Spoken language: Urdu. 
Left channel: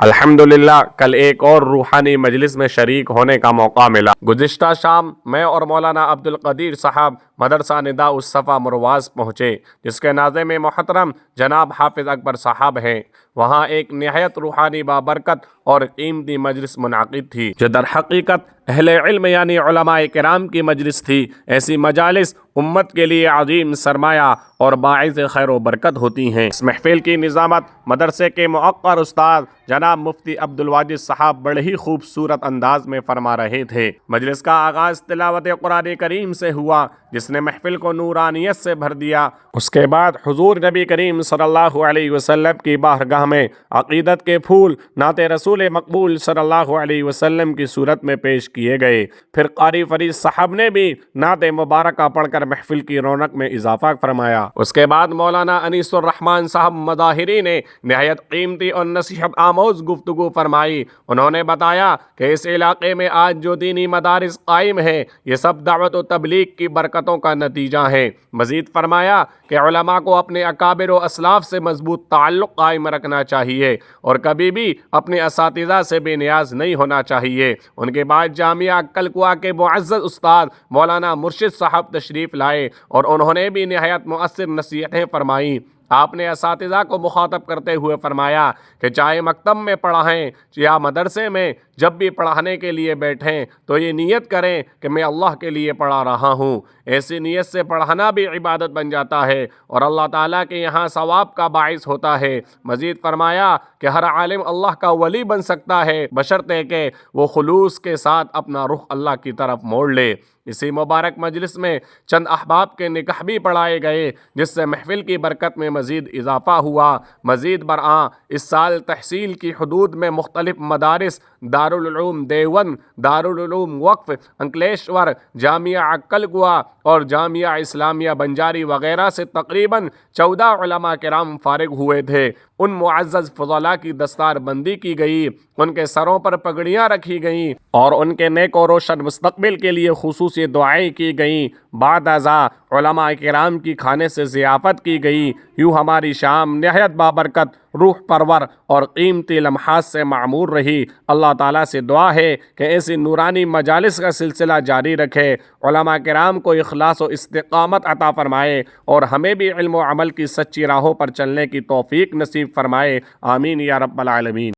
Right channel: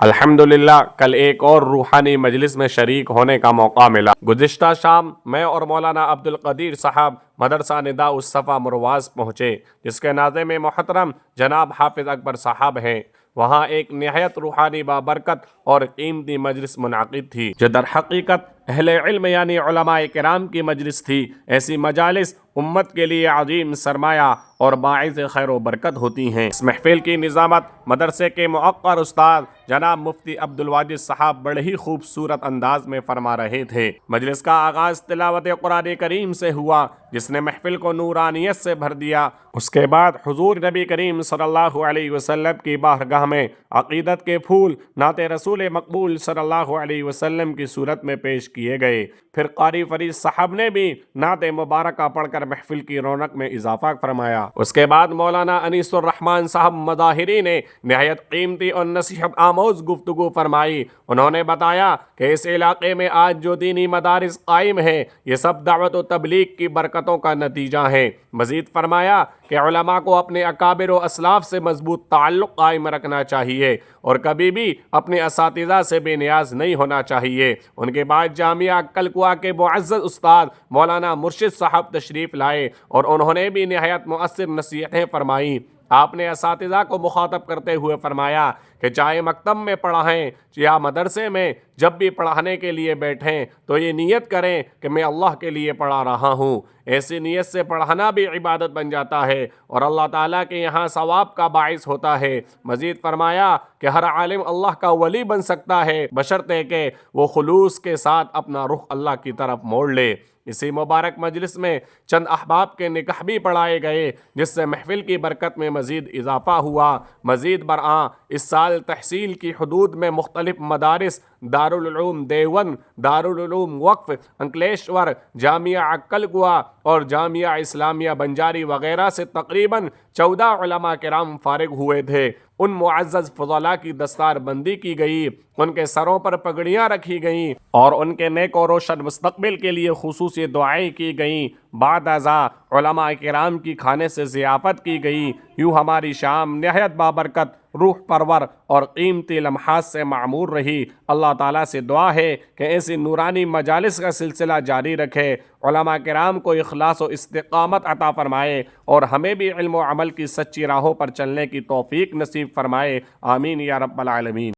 الحمدللہ کل ایک اور روحانی مجلس میں شریک ہونے کا موقع ملا۔ گزشتہ شام میں اور مولانا عبدالقدیر صاحب مدرسہ نداء الصفا مرواز پہنچے، جس کے ناظم محترم جناب حافظ اکبر صاحب ہیں۔ وہاں ایک نہایت روحانی بابرکت اور قیمتی مجلس منعقد تھی، جو در حقیقت اہل علم یعنی علماء کرام کی مجلس تھی۔ ایسی مجالس امت کے لیے عظیم سرمایہ اور باعث خیر و برکت ہوتی ہیں۔ اس محفل کی نظامت مدرسے کے موقر استاد جناب مفتی عبدالواجد صاحب بڑے ہی خوبصورت انداز میں فرما رہے تھے۔ مجلس کا آغاز تلاوت قرآن کریم سے ہوا، جس نے محفل کو نورانیت سے بھر دیا۔ اس کے بعد حضور نبی کریم صلی اللہ علیہ وسلم کی بارگاہ میں عقیدت کے پھول نعت رسول مقبول صلی اللہ علیہ وسلم کی صورت میں پیش کیے گئے۔ پھر قاری فرید صاحب نے بھی نعت مبارکہ پڑھ کر محفل کی رونق میں اضافہ فرمایا۔ اس کے بعد مولانا انیس الرحمن صاحب مظاہری نے نہایت قیمتی اور نصیحت آموز گفتگو فرمائی۔ انہوں نے بتایا کہ اس علاقے میں آج جو دینی مدارس قائم ہیں، یہ سب دعوت و تبلیغ کی برکتوں کا نتیجہ ہیں۔ مزید فرمایا کہ علماء کو اپنے اکابر و اسلاف سے مضبوط تعلق قائم رکھنا چاہیے اور کبھی بھی اپنے اساتذہ سے بے نیاز نہیں ہونا چاہیے۔ ان کے بعد جامعہ کلکوا کے معزز استاد مولانا مرشد صاحب تشریف لائے اور انہوں نے بھی نہایت مؤثر نصیحتیں فرمائیں۔ آپ نے اساتذہ کو مخاطب کرتے ہوئے فرمایا کہ چاہے مکتب میں پڑھائیں یا مدرسے میں، جب بھی پڑھانے کے لیے بیٹھیں تو یہ نیت کریں کہ میں اللہ کے لیے پڑھا رہا ہوں۔ ایسی نیت سے پڑھانا بھی عبادت بن جاتا ہے اور اللہ تعالیٰ کے یہاں ثواب کا باعث ہوتا ہے۔ مزید فرمایا کہ ہر عالم اللہ کا ولی بن سکتا ہے، بشرطے کہ وہ خلوص کے ساتھ اپنا رخ اللہ کی طرف موڑ لے۔ اسی مبارک مجلس میں چند احباب کے نکاح بھی پڑھائے گئے، جس سے محفل کی برکت میں مزید اضافہ ہوا۔ مزید برآں اس سال تحصیل کی حدود میں مختلف مدارس دارالعلوم دیوبند، دارالعلوم وقف انکلیشور، جامعہ کلکوا اور جامعہ اسلامیہ بنجاری وغیرہ سے تقریباً 14 علماء کرام فارغ ہوئے تھے۔ ان معزز فضلاء کی دستار بندی کی گئی، ان کے سروں پر پگڑیاں رکھی گئیں اور ان کے نیک و روشن مستقبل کے لیے خصوصی دعائیں کی گئیں۔ بعد ازاں علماء کرام کی کھانے سے ضیافت کی گئی۔ یوں ہماری شام نہایت بابرکت، روح پرور اور قیمتی لمحات سے معمور رہی۔ اللہ تعالیٰ سے دعا ہے کہ ایسی نورانی مجالس کا سلسلہ جاری رکھے، علماء کرام کو اخلاص و استقامت عطا فرمائے اور ہمیں بھی علم و عمل کی سچی راہوں پر چلنے کی توفیق نصیب فرمائے۔ آمین یا رب العالمین۔